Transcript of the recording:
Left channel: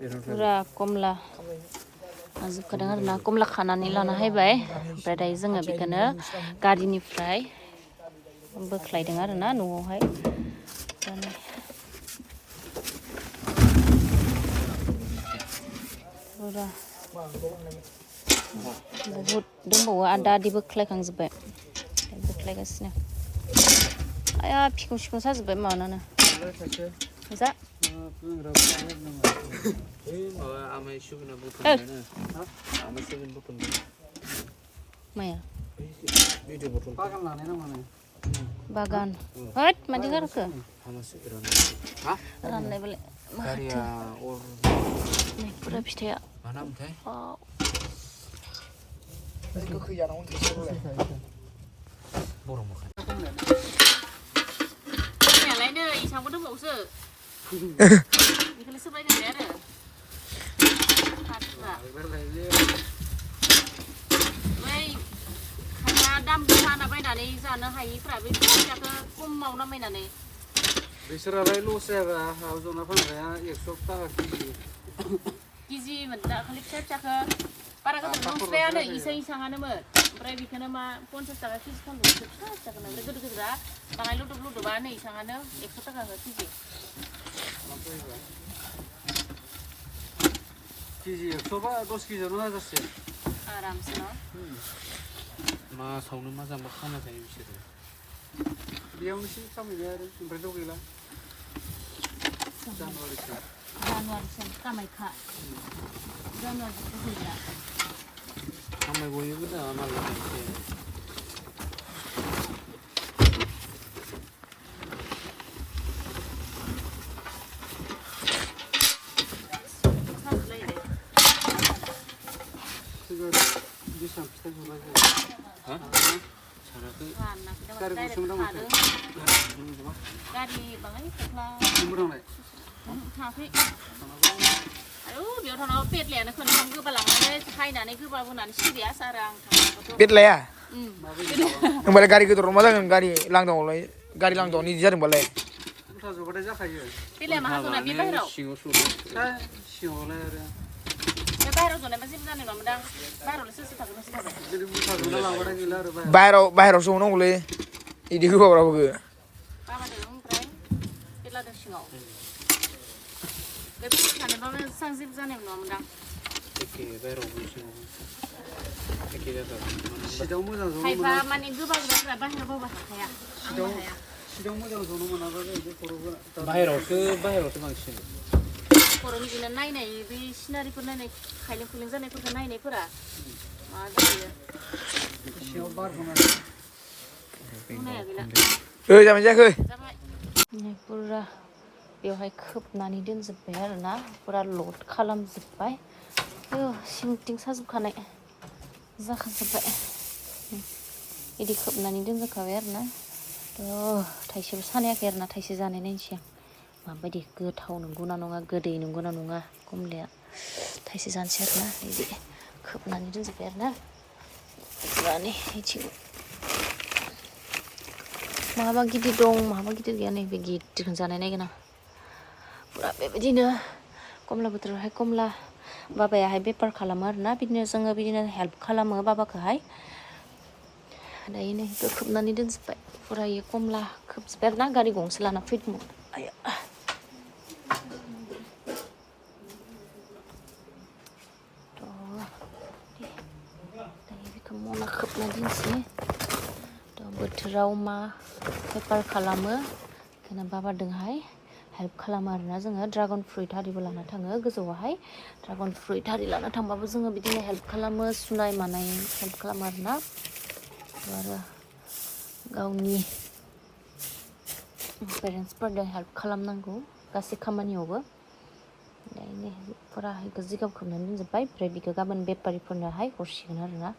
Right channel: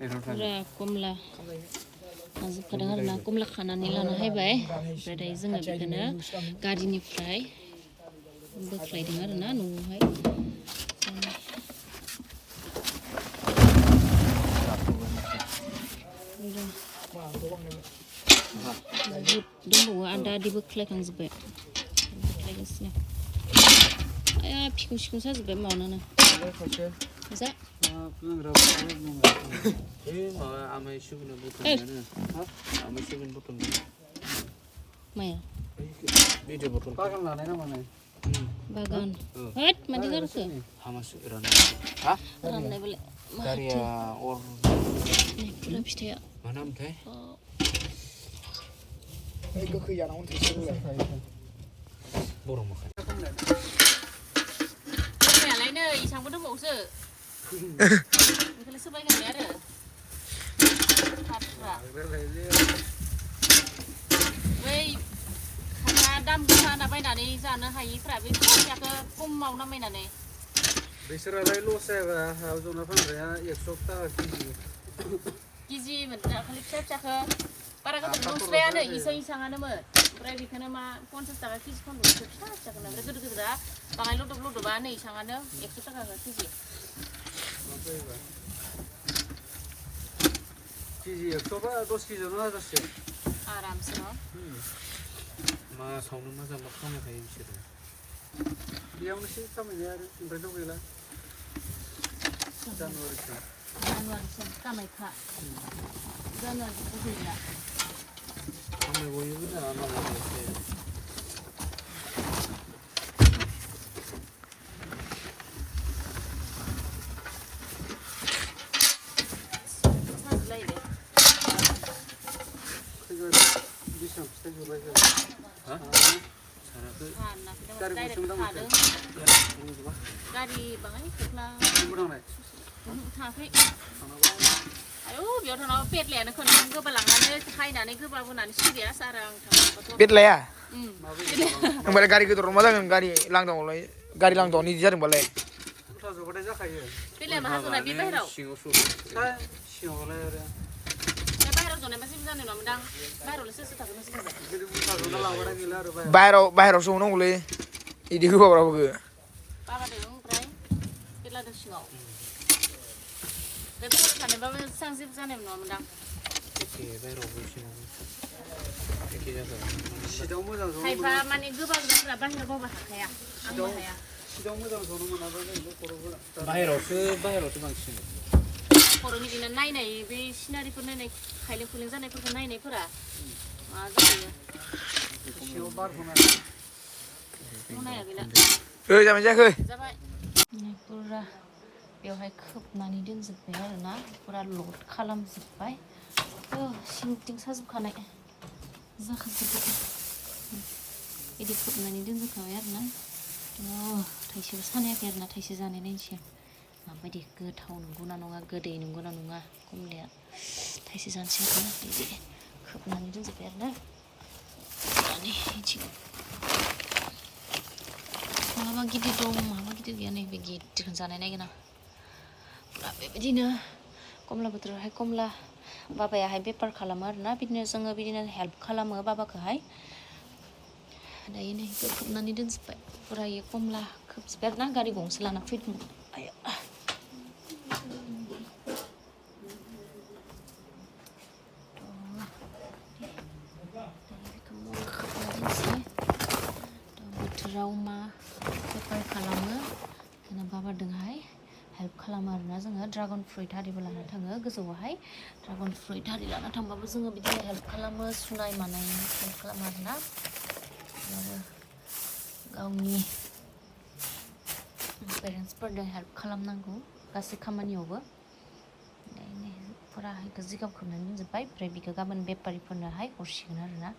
पुरा कमला जोबखादों आरो ना कमला खानानै लाना हायबाय ओमफ्राय दायो जोङो बेखौनो गारिनिफ्राय बोख्लायदों आरो ना न'आवहाय पुरा बहुद दंबावो आदा आदि बोख्लायखांजोब्बाय बोख्लायगासिनो आया फिखं सिखं साजोब्बाय माबानानो जा माया बागान होद मानदि गारखो राननाय बेलाय माथो पुरा फिथाइया गोखै जानांगौ फैनायालाय नै इसांबो दंबावोसो बेखौलाय सोबाय गारबाय आरो बै खायफा दाम गोसा होना बायनानै जानो हायिफ्रा बे फिसाखौ खमाव नामायनानै बिसोरालाय लस जायाब्रा जना फानग्राया 100 थाखा केजि मोन दाखालि फिसा फिसाखौ बारा गोदोर नस्रायानो इसाङानोमोन ओमफ्राय बेखौनो मा 50 थाखा केजि फानदों फिसा फिसाखौनो ओमफ्राय गोदोर गोदोरा बाङाय लदब लदबा नै इसाङानो 100 थाखा केजि केजि 100 बा 10 केजियावनो हाजारसे आरामसे न' मासावनो मोजांबा खामाय थायो बिसोरो बेयावनोसै खामायनाया आरो ओमफ्रायथ' गैला जानुवारिसिम कामाख्या जानुवारिसिम गैला खामाय गयोबो जाया नालाय गारि बाङाय फख्ला थाङाखै आयौ बेयाव थांनाव पेटलायानो खनथाम गोबा लांनानै फायनानै गोबा होनानै सिरिया सारा आं थांबाथ' पेटलाया होमबालाय गारि गोदोराव मा जागोन गारि लांदांआवलाय गारि लांदांआवनो इदि जादोंबालाय जगायनाय जाखायो पेटलाया माहाजोना बे बाहेराव सिङाव सरो सिङावलाय आरो बे बाहेराव जनायबा जेबो जानाय नङामोनदां बाहेरावलाय सोर थागोन नोंसोर बाहेरावसो हनांगौलै इदि गोबाब्राबो बाबादों ओमफ्राय पेटलादों सिङाव बे गुबुन थानायबाबो एसेबां जेबो जानाय नङामोनदां एखे बाहेरावबो सिङाव एखे जाथारो सिटाव मोजां जनो खायफा माने गोबावग्राफ्रा बाहेराव बावबा हाखाया सिटाव मोजां जनो मोनाबा बाहेरावसो बांसिन खर'नि बिदिनो नायनाय बे सिनारिफोर नायनाय खायलें खुइलें जानायफोरखौ नायनायफोरा मा जायो सिङाव बार नाया गैला जाबाय जायाखै जाबाय पुरा बेवहाय खोबनानै दोनजोब्बाय आरोना पुरा लड खालामजोब्बाय सिंथिं साजोबखानाय जाखाजोब्बाय बिदि खोबनानै दोनजोबखाबाय आरोना थाइसेबो सानायाखै आरोना थाइसे जानाय नायनोसै आं माबायदि गोथाव नंगौना नङा गोदै नंगौना नङा कमलाया थाइसे जानोसै आरोना बिदि खोबनानै दोनजोब्बाय आरोना पुरानो बिथिं माबा गिदिर दं माबा गिदिर गैया नै बे गिदिरखौनो जानाय नायगोन आं पुरा बेबायदिनो कमला बोथोरावहाय कमला बाबायाहाय बेफार खालामो आरोना बिदिनो जोङो बिदिनो हेल्प खालामो बाबाखौहाय दायो नै खोबनानै दोनजोब्बाय पुरा इयो कमला खोबजोब्बाय आरोना गारि गंसे लाना फैदोंमोन आया बेखौ मना खोबना दोनसै बोथोराव मा बेफार खालामो बेखौनो बाबादोंहाय हेल्प खालामो आरोना जोङो ड्रागन फ्रुइट आरिबो लाना थाङो गोजौआवहाय ड्रागन फ्रुइट आरि लाना थांबाबो जोङो बिदिनो हेल्प खालामो सुनाय मानाय हेल्प खालामो आरोना आरो गावनि पेरेन्टसफोरजों हेल्प खालामनांगौ गासै खामानियावबो दायो पुरा जिगाब खोबनानै दोनजोब्बाय ओमफ्राय बेखौ गाबोन बेफारिफोरनोहाय हरसिगोन आरोना